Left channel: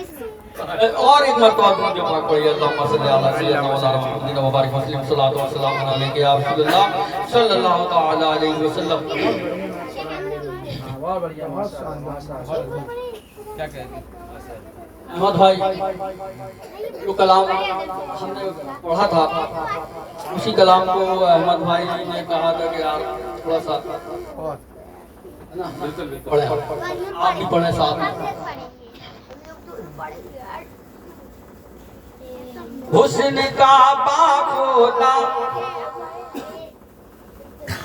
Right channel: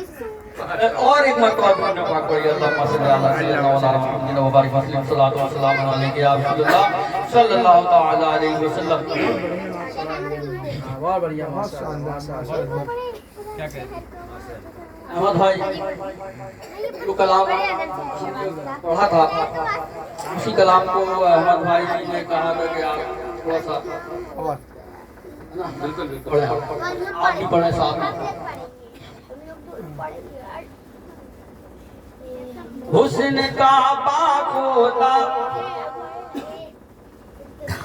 اور ایک مرتبہ اپنے جو پاک پڑھی اللہم صلی اللہ علیہ وسلم مبارک وسلم صلاۃ و سلام علیک یا رسول اللہ صلی اللہ تعالی علیہ وسلم۔ کیا کہتے ہیں احمد بھائی جو کلام پڑھا تھا اسی کلام کو احمد بھائی نے کہا تھا کہ آپ تھوڑا سا بالکل پڑھیں آپ بھی پڑھیں ساتھ میں۔ حسن کا باغ ہوتا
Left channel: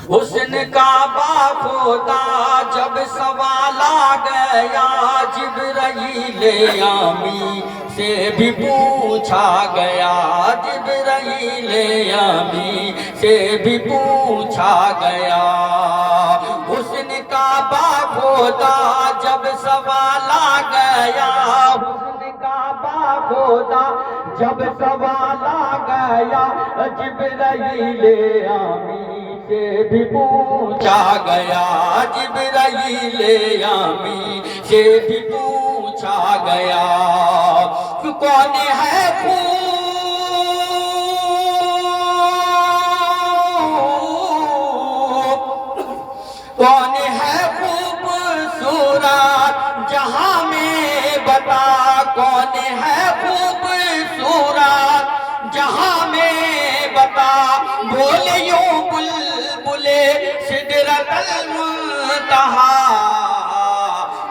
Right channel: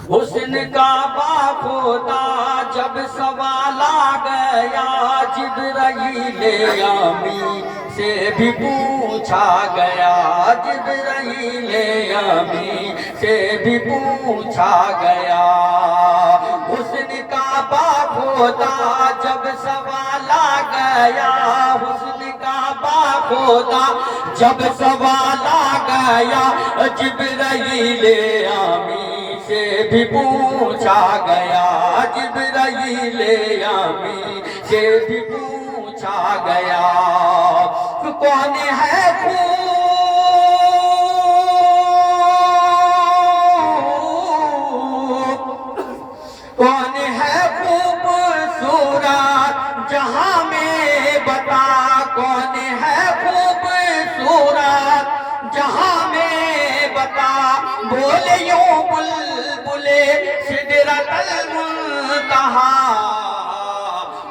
حسن کا باغ ہوتا جب سوال آ گیا جبرائیل امی سے بھی پوچھا گیا جبرائیل امی سے بھی پوچھا گیا۔ حسن کا باغ ہوتا جب سوال آ گیا حسن کا باغ ہوتا جب سوال آ گیا جبرائیل امی سے بھی پوچھا گیا جبرائیل امی سے بھی پوچھا گیا۔ کون ہے کون ہے خوبصورت جہاں میں بتا کون ہے خوبصورت جہاں میں بتا بولے یوں بلبلے سدرۃ المنتہا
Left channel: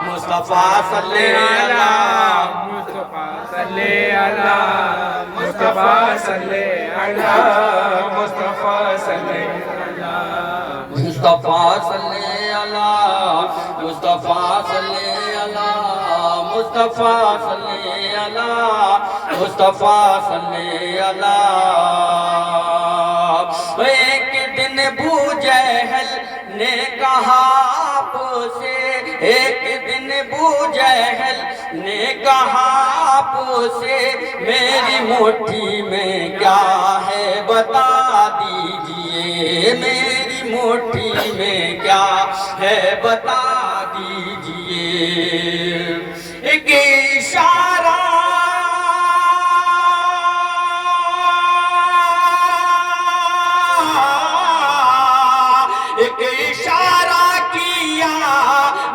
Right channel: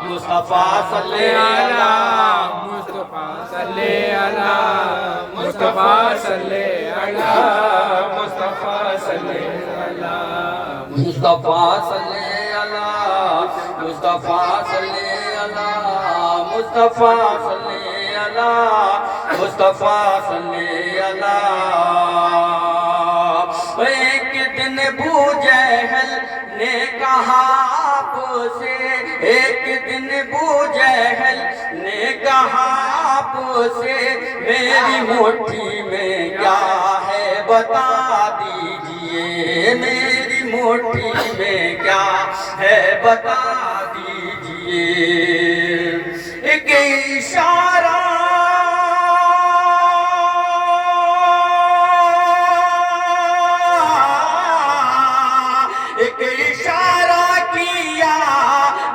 مصطفیٰ صلی اللہ مصطفیٰ صلی اللہ مصطفیٰ صلی اللہ مصطفیٰ صلی اللہ مصطفیٰ صلی اللہ مصطفیٰ صلی اللہ مصطفیٰ صلی اللہ مصطفیٰ صلی اللہ۔ ایک دن ابو جہل نے کہا آپ سے ایک دن ابو جہل نے کہا آپ سے میری مٹھی میں کیا ہے بتا دیجئے میری مٹھی میں کیا ہے بتا دیجئے۔ ایک اشارہ ایک اشارہ کیا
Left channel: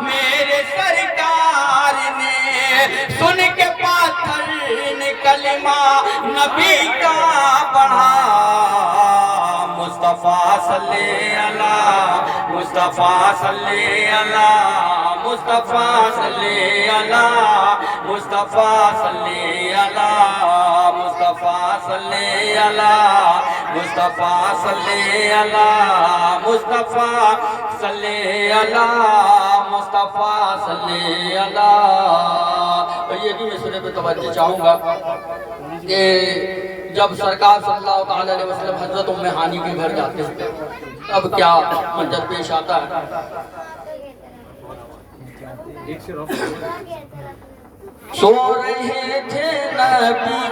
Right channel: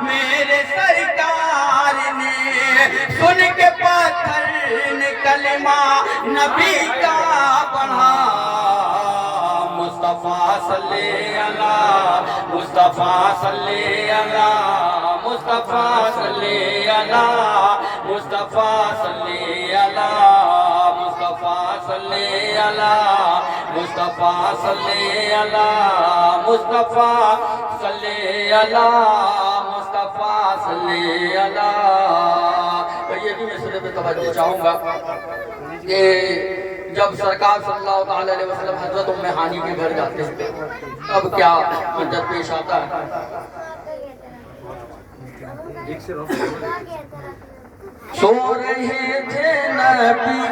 میرے سرکار نے سن کے پتھر نے کلمہ نبی کا پڑھا۔ مصطفیٰ صلی اللہ مصطفیٰ صلی اللہ مصطفیٰ صلی اللہ مصطفیٰ صلی اللہ مصطفیٰ صلی اللہ مصطفیٰ صلی اللہ مصطفیٰ صلی اللہ مصطفیٰ صلی اللہ۔ یہ بھی میں سنے پہ توجہ چاہوں گا کہ جب سرکار صلی اللہ تعالی علیہ وسلم حضرت ام ہانی کے گھر جاتے ہیں تب کیا منظر پیش آتا ہے۔ سو رہے تھے نبی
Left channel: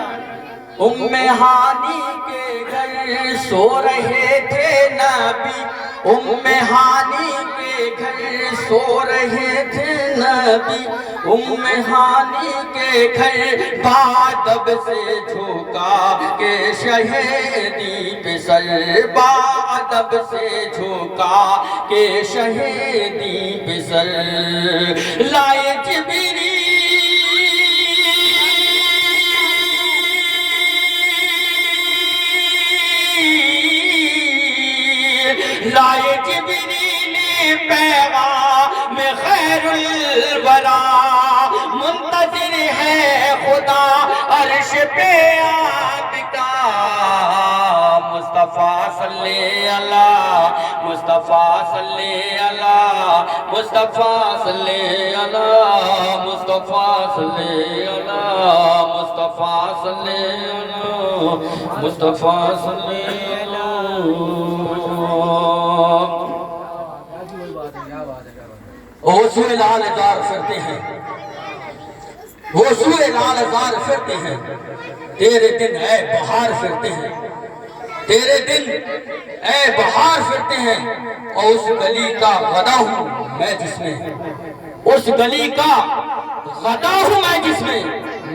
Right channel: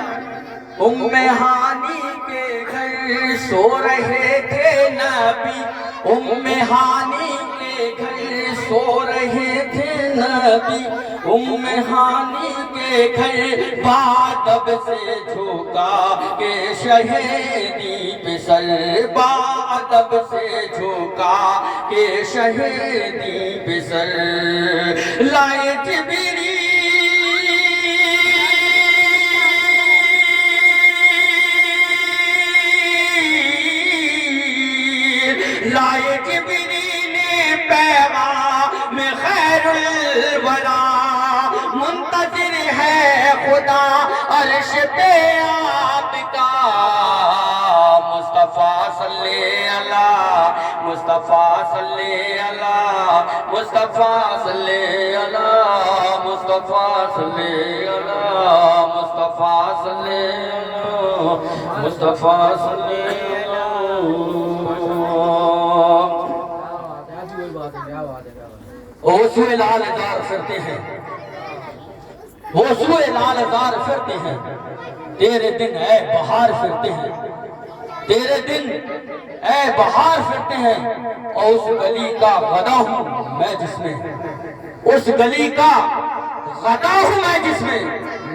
ام ہانی کے گھر سو رہے تھے نبی ام ہانی کے گھر سو رہے تھے نبی ام ہانی کے گھر بادب سے جھوکا کہ شہیدی پہ سر بادب سے جھوکا کہ شہیدی پہ سر لائے جبریل لائے جبریل پیغام خیر الورا منتظر ہے خدا عرش پہ آپ کا۔ مصطفیٰ صلی اللہ مصطفیٰ صلی اللہ مصطفیٰ صلی اللہ مصطفیٰ صلی اللہ مصطفیٰ صلی اللہ مصطفیٰ صلی اللہ۔ ہوسوئے لال ازار پھرتے ہیں ہوسوئے لال ازار پھرتے ہیں تیرے دن اے بہار پھرتے ہیں تیرے دن اے بہار پھرتے ہیں اور اس گلی کا غدا ہوں میں جس میں اس گلی کا غدا ہوں میں جس میں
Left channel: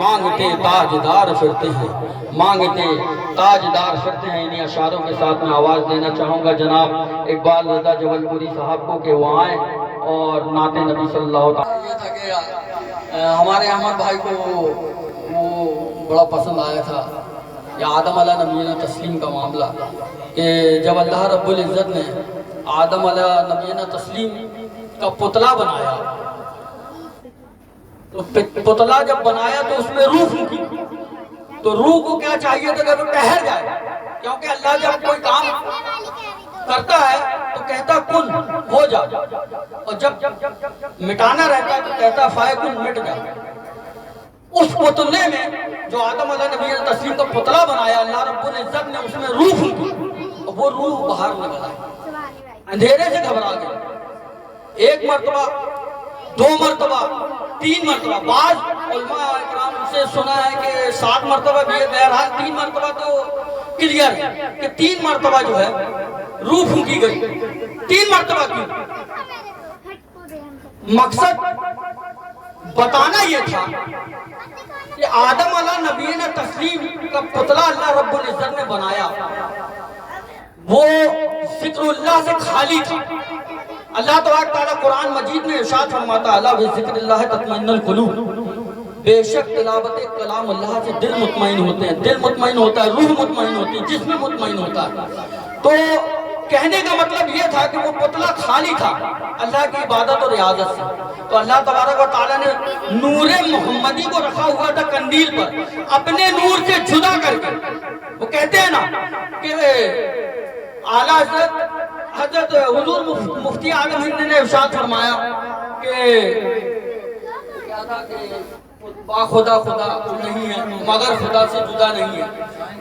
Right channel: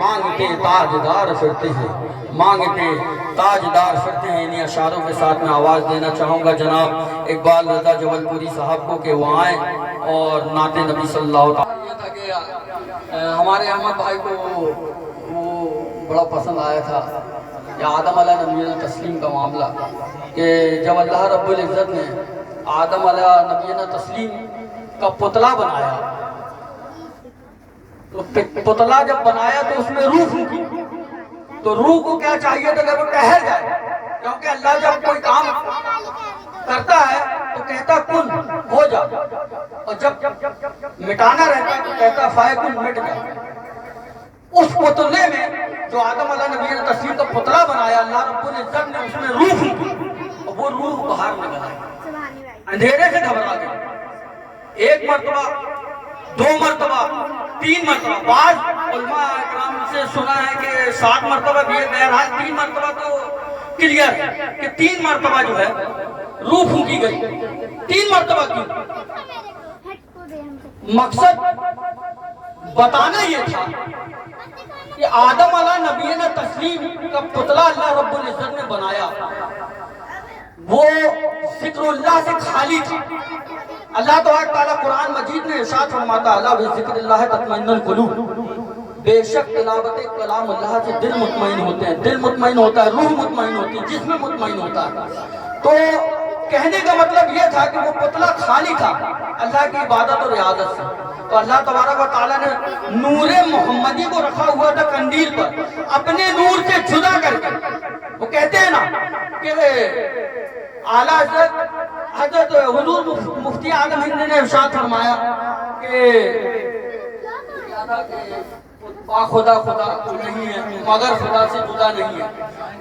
مانگتے تاجدار پھرتے ہیں، مانگتے تاجدار پھرتے ہیں۔ انہیں اشعاروں کے ساتھ میں آواز دینا چاہوں گا جناب اقبال رضا جبل پوری صاحب کو کہ وہ آئیں اور نعت نبی صلی اللہ تعالیٰ۔ یہ تھا کہ ہمارے احمد بھائی کو وہ بڑا پسند آیا تھا کہ آدم علیہ نبینا تسلیم کا معاملہ، کہ جب اللہ رب العزت نے آدم علیہ نبینا تسلیم کا پتلا بنایا، تو پتلا جب بنایا تو اس میں روح پھونکی، تو روح کو کیا چاہیے تھا کہ وہ ٹہل جائے، کیونکہ اللہ جب کوئی کام کرتا ہے تو کہتا کن ہو جا، اور جب مٹانا رہتا ہے تو کہتا فائکن مٹ جا۔ اس پتلے میں جو آدم علیہ نبی نے تسلیم کا پتلا بنایا، اللہ رب العزت نے اس میں روح پھونکی اور وہ روح باہر نکل آئی، اندھیرے سے گھبرا گئی۔ ایک مرتبہ، دو مرتبہ، تین مرتبہ، بعض علماء اکرام سے سنا ہے کہ 7 مرتبہ بھی ہے، بہرحال 3 مرتبہ تو کلیئر ہے کہ 3 مرتبہ جو ہے روح پھونکی گئی۔ 3 مرتبہ کیوں؟ مقصد بتانا یہ تھا کہ آدم علیہ نبی نے تسلیم کا پتلا اللہ رب العزت نے بنایا، وہ ذکر اللہ سے خالی تھی۔ اللہ تعالیٰ قرآن مجید میں ارشاد فرماتا ہے اللہ بذکر اللہ تطمئن القلوب، بے شک تلاوت کلام اللہ سے دل مطمئن ہوتے ہیں، دل مطمئن ہوتا ہے، روح مطمئن ہوتی ہے، جسم مطمئن ہوتا ہے۔ تو کہنے کا مطلب یہ تھا کہ وہ پتلا خالی تھا اللہ کی عبادت اور ریاضت سے، تو اللہ تبارک و تعالیٰ نے نور محمدی کو رکھا ہوا تھا قندیل پر، اپنے نور سے جدا کر کے۔ وہ کہتے ہیں نا کہ اعلیٰ حضرت حضور مفتی عالم ہند نے ارشاد فرمایا کہ با خدا خدا نہیں ہے مگر خدا سے جدا نہیں ہے،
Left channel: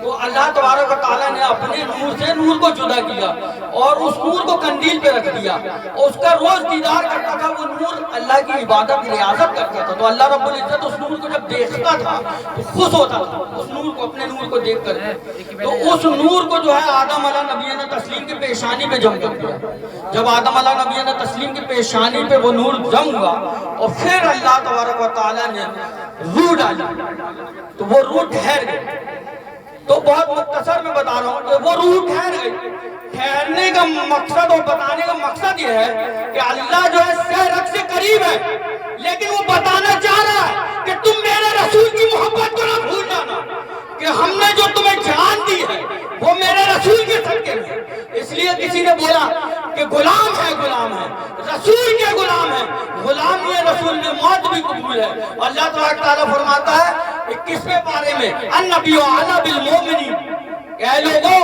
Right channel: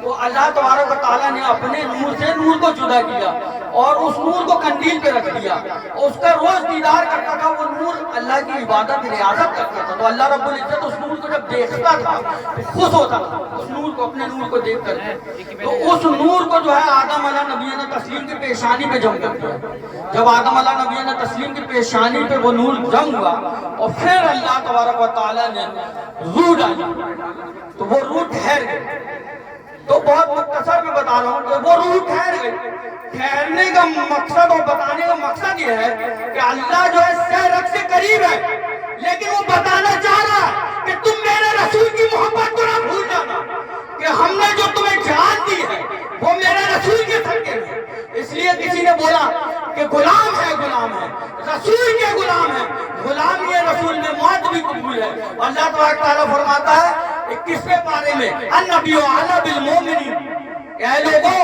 تو اللہ تبارک و تعالیٰ نے اپنے نور سے نور کو جدا کیا اور اس نور کو قندیل پہ رکھ دیا، اور اس کا روز دیدار کرتا تھا وہ نور، اللہ کی عبادت ریاضت کرتا تھا، تو اللہ رب العزت اس نور کو جب دیکھتا تھا تو خوش ہوتا تھا اس نور کو، اپنے نور کو دیکھ کر۔ تو اس نور کو جو ہے آدم علیہ نبی نے تسلیم کی پیشانی پہ جم کر دیا۔ جب آدم علیہ نبی نے تسلیم کی پیشانی پہ وہ نور جم ہوا اور پھر اللہ تبارک و تعالیٰ نے روح ڈالی تو وہ روح ٹھہر گئی۔ تو بہت مختصر میں بتا رہا ہوں کہ وہ روح ٹھہر گئی۔ ٹھہرنے کا مقصد اور بتانے کا مقصد یہ ہے کہ اللہ جو ہے سہ رگ سے قریب ہے، لیکن وہ بتانا چاہ رہا ہے کہ تم میرے رسول کی محبت کو نہ بھول جانا، کہ ہم نے جو تمہیں جان دی ہے وہ میرے رسول کے صدقے میں۔ اس لیے کسی نے بولا کہ غلام ہے، غلام ہے، رسول کے غلام ہے، غلام یہ رسول میں موت بھی قبول ہے۔ اللہ تعالیٰ فرماتا ہے 21ویں پارے میں النبی اعلیٰ بالمومنین، اے لوگوں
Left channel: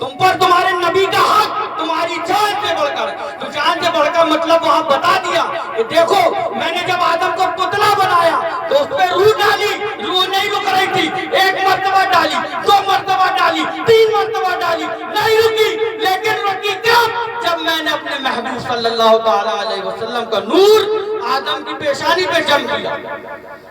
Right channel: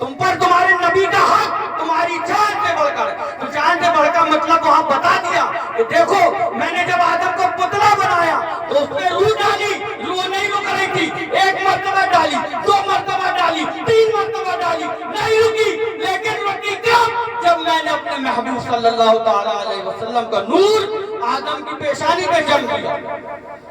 تم پر تمہارے نبی کا حق تمہاری جان سے بڑھ کر، تو جان سے بڑھ کر مطلب وہاں بتا دیا کہ دیکھو میں نے جب آدم کو پتلا بنایا تو اس پہ روح ڈالی، روح نہیں رک رہی تھی، 1 مرتبہ ڈالی، 2 مرتبہ ڈالی، 3 مرتبہ ڈالی، نہیں رکی، لیکن رکی کب؟ جب میں نے اپنے محبوب صلی اللہ تعالیٰ علیہ وسلم کا نور آدم کی پیشانی پہ جم کیا۔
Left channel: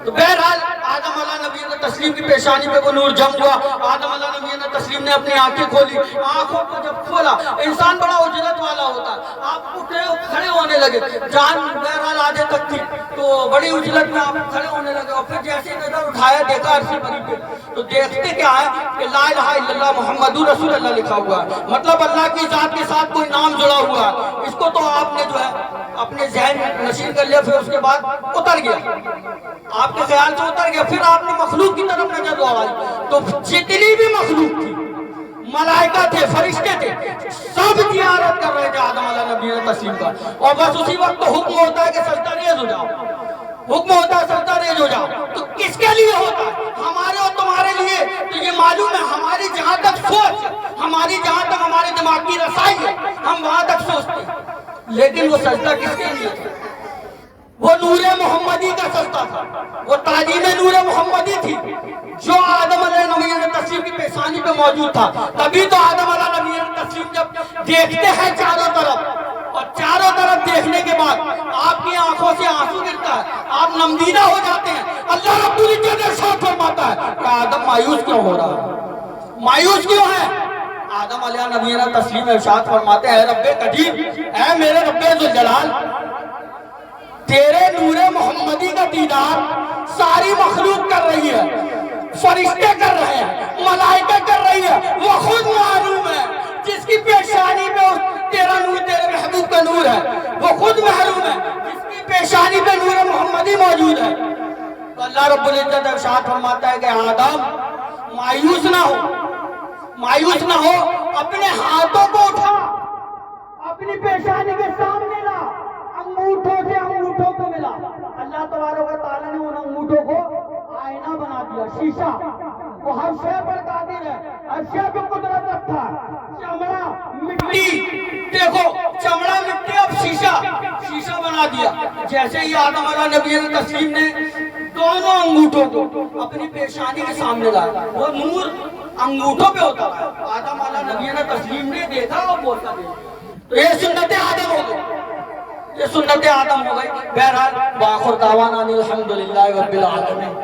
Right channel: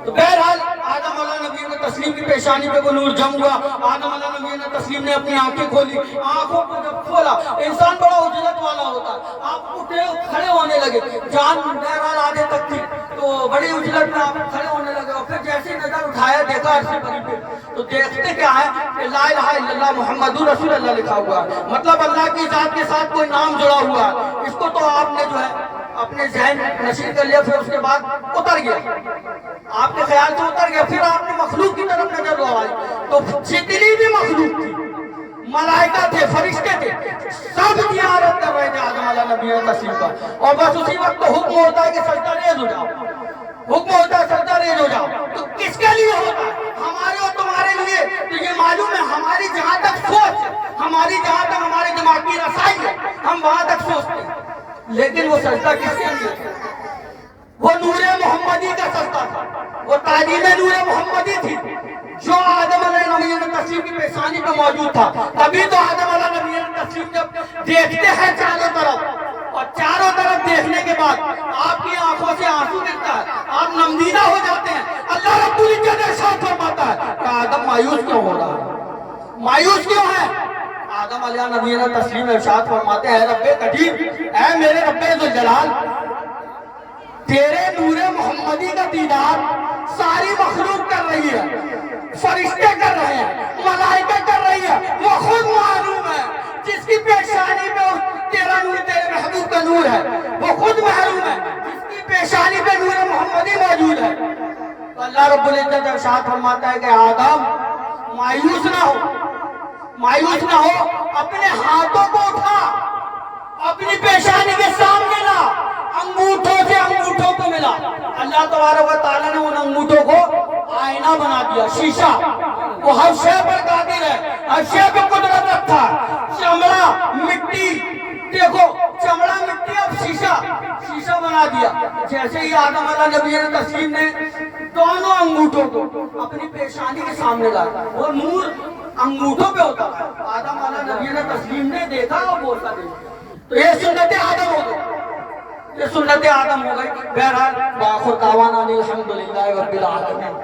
تو بہرحال آدم علیہ نبی نے تسلیم کی پیشانی پہ وہ نور جم ہوا، آدم علیہ نبی نے تسلیم نے اپنی آنکھیں کھولی، آنکھوں کو جب کھولا انسان بڑا اجلت والا ہوتا ہے، آپ اٹھے کھڑے ہونے لگے، جان بہرحال آدھے تک تھی تو بڑی اجلت میں آپ کھڑے ہونے لگے، اور پھر جیسے نظر اٹھایا دیکھا عرصے بری پہ تو دیکھتے کیا ہے کہ لا الہ الا اللہ محمد رسول اللہ لکھا ہوا ہے، مطلب اللہ کی ذات کے ساتھ کوئی نام جڑا ہوا ہے۔ اس کو تو آپ نے جو ہے اپنے ذہن نشین کر لیا، پھر اس کے بعد اتر گیا، آپ کے خیال سے اتر گیا، پھر آپ نے مخلوق کی طرف نظر دوڑائی تو جتنی بھی مخلوق تھی، ملائکہ تھے، فرشتے تھے، سب زیارت کر رہے تھے آدم علیہ نبی نے تسلیم کا، اور بس اسی وقت تو حکم ہوتا ہے کہ سجدہ ریز ہو جاؤ، حکم ہوتا ہے سجدہ ریز ہو جاؤ، تو کس کے لیے ہوتا ہے؟ ہمارے اور تمہارے لیے۔ تو یہ معلوم ہے ہماری جہاں تک سوچ ہے، ہماری جہاں تک ہمارے دماغ کی رسائی ہے، ہم وہاں تک سوچتے ہیں، لیکن وہ سجدہ کس کے لیے تھا؟ وہ نور محمدی کا سجدہ تھا، وہ تعلیم نور محمدی تھی جو آدم علیہ نبی نے تسلیم کی پیشانی پہ موجود تھا۔ تبھی تو آدم علیہ نبی نے تسلیم جب دیکھتے ہیں چاروں طرف، اور چاروں طرف دیکھنے کے بعد آپ کی آنکھوں سے آنسو گرتا ہے، آپ نمدیدہ ہو جاتے ہیں، اللہ رب العزت ارشاد فرماتا ہے کہ آدم مایوس کیوں ہو رہا ہے؟ مایوس کیوں ہے؟ آدم علیہ نبی نے تسلیم ارشاد فرماتے ہیں اے رب قدیر، اے میرے رب ذوالجلال، تیرے نور محمدی کا دیدار ساری مخلوق کر رہی ہے، فرشتے کر رہے ہیں، ملائکہ کر رہی ہے، وہ خود معلوم ہے جس کی پیشانی پہ تیرا نور، تیرے محبوب کا نور ہے، وہ خود معلوم ہے جس کی پیشانی پہ نور محمدی موجود ہے۔ تو اللہ رب العزت ارشاد فرماتا ہے کہ آدم مایوس نہ ہو، مایوس نہ ہو، اپنے ہاتھوں کو اٹھا، اپنی پیشانی کے سامنے لا، انگوٹھوں سے انگوٹھوں کو ملا۔ اللہ تبارک و تعالیٰ نے ان انگوٹھوں کو آئینہ بنا دیا، شیشہ۔ وہ ہر شے پر قادر ہے، ہر شے پہ قدرت رکھتا ہے۔ چمڑا مٹی، دیکھو چمڑا مٹی، اب شیشہ بنا دیا۔ جیسے ہی آدم علیہ نبی تسلیم نے دونوں انگوٹھوں کو اپنی پیشانی کے سامنے لایا، وہ نور انگوٹھوں پہ ہوتا ہے۔ آدم علیہ نبی تسلیم نے دیکھا اور بوسا دیا۔ تو یہ سنت آدم ہو گئی، یہ سنت آدم ہو گئی۔ بہرحال وآخر دعوانا الحمدللہ رب العالمین۔